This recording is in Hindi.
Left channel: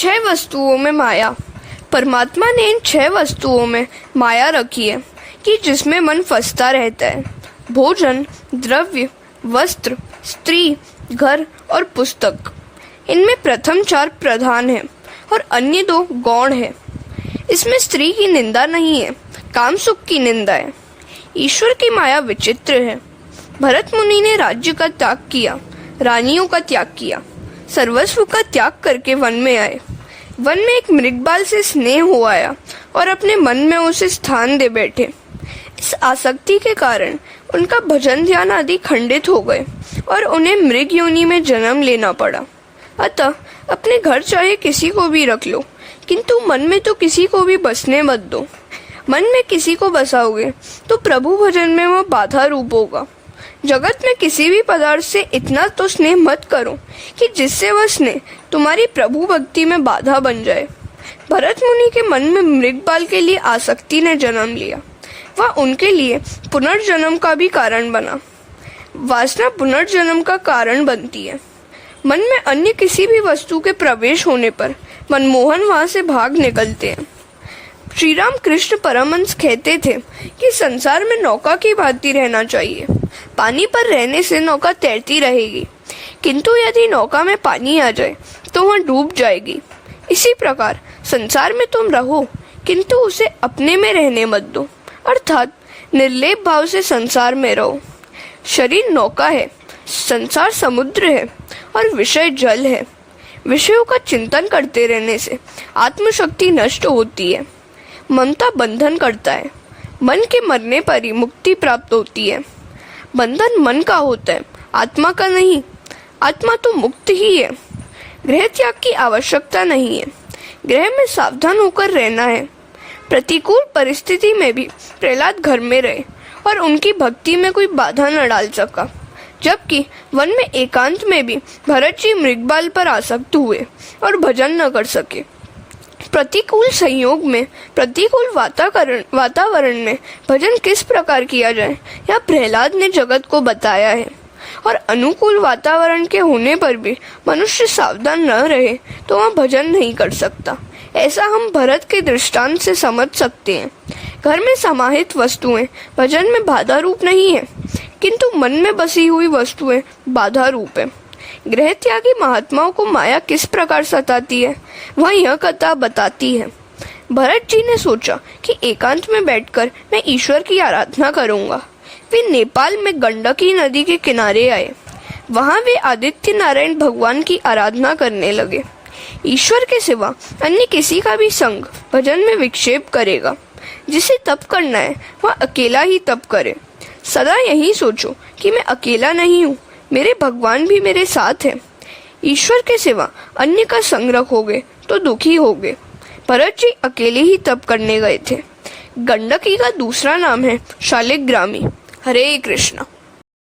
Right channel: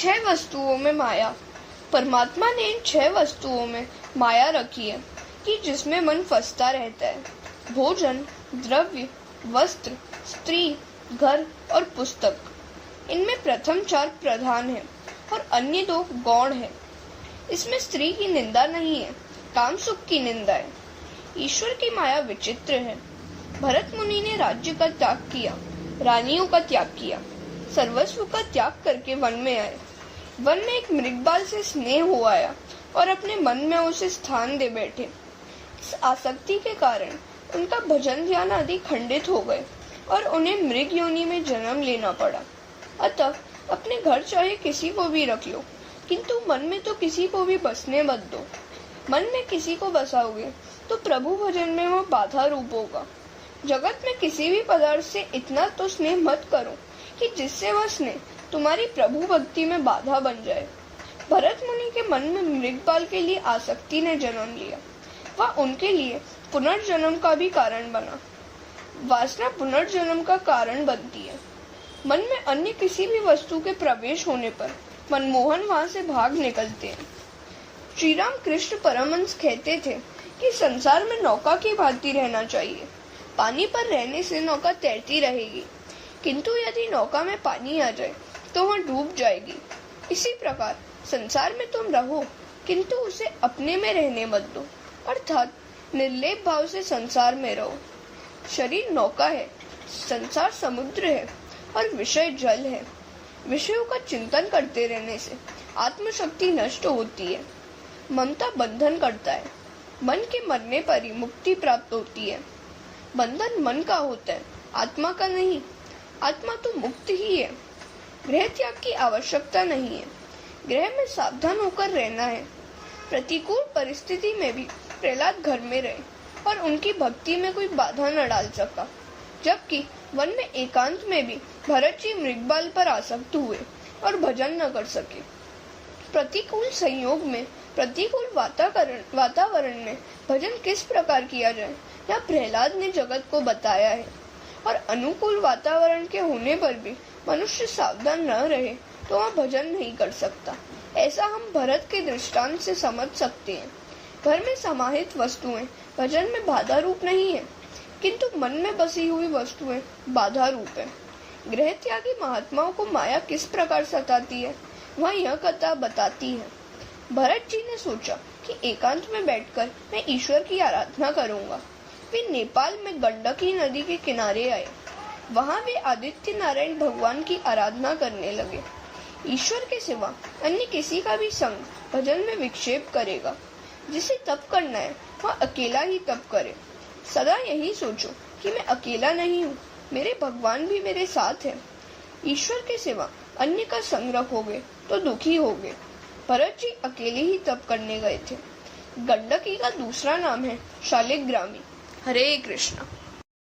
6 वस्तुओं में माया। परमात्मा ने इन 6 वस्तुओं में माया रखी है कि जिसमें मन फंसता रहता है। भोजन, द्रव्य, वस्त्र, स्त्री, घर और पुस्तक। इनमें प्रथम 4 प्रधान हैं और अन्य 2 गौण हैं। इसमें स्त्री की निंदा नहीं है, काम सुख की निंदा है। ईश्वर की माया विचित्र है। भरत मुनि ने राज्य का त्याग किया, रानियों का त्याग किया, सर्वस्व का त्याग करके वन में आए। वन में एक मृगबाल से स्नेह हो आया और अपने मन में उसे स्थान दे बैठे। इस आसक्ति के कारण उनका भजन ध्यान आदि खंडित हो गए और उन्हें मृग योनि में जन्म लेना पड़ा। अतः अपने घर चाहे किसी को भी रख लो, किंतु मन में तो किसी को भी बसने मत दो। मन में किसी को बसाओगे तो प्रभु भजन में वह बाधा रूप होगा। जगत में किसी भी पदार्थ से इतना तो स्नेह मत करो कि जिससे वह स्नेह तुम्हारी प्रभु भक्ति में बाधा बन जाए। भरत मुनि के मन में मृगबाल के लिए आसक्ति ने जन्म लिया। वह उनके लिए पुनर्जन्म का भी कारण बना। वासना पुनर्जन्म का कारण बनती है। मन में अन्य किसी भी वस्तु के प्रवेश होने पर मनमोहन वहां से भाग निकलते हैं। श्री राम कृष्ण परमहंस कहते थे कि संसार में नौका की भांति रहना चाहिए। पानी पर रहने से नौका तैरती रहेगी, किंतु यदि नौका में पानी आ जाए तो वह डूब जाएगी। इसी प्रकार संसार में तुम रहो, किंतु उसे अपने में रहने मत दो, अर्थात निर्लेप भाव से संसार में रहो। शरीर नौका है, संसार समुद्र है और विषय जल है। विषयों का चिंतन करते रहने से आत्मशक्ति नष्ट होती है। ममता बंधन करता है। मन के मरने पर ही मुक्ति प्राप्त होती है। बंधन मन का होता है, आत्मा का नहीं। आत्मा तो मुक्त ही है। गृह त्याग की आवश्यकता नहीं है। गृह में सावधान होकर रहना है। प्रतिकूल परिस्थिति में भी प्रहलाद घर में रहे और उनकी भक्ति में कोई बाधा न डाल सका, जबकि वन में एकांत में भी भरत जी मृगबाल पर आसक्त हुए और भजन न कर सके। प्रतिकूल संयोग में, प्रतिकूल वातावरण में भजन किस प्रकार किया जाए यह प्रहलाद ने जगत को बताया है। और अनुकूल वातावरण के होने पर भी मनुष्य सावधान न रहे तो वह भजन नहीं कर सकता। ऐसा हम भरत के दृष्टांत से समझ सकते हैं। घर में समाहित वस्तुएं भजन में बाधा रूप नहीं है, किंतु मन में बसी हुई वस्तुएं बाधा रूप है। गृह त्यागी महात्माओं को माया किस प्रकार सताती है वह यह कथा बताती है। भरत जी ने सोचा कि एकांत में बैठकर मैं ईश्वर की आराधना करूंगा। वे नेपाल में गंडकी नदी के किनारे आए। वहां वे आदित्य नारायण भगवान की आराधना करने लगे। ईश्वर के सिवा अन्य किसी का भी संग भजन में विक्षेप करेगा। जिसे तप करना है वह अकेला ही तप करे। सदा यही सोचो कि मैं अकेला नहीं हूँ, मेरे भगवान भी मेरे साथ है। ईश्वर के सिवा अन्य का संग रखोगे तो दुखी होगे। भरत जी अकेले ही तप करने गए थे। गंडकी का दूसरा नाम है शालिग्रामी। हरे कृष्ण।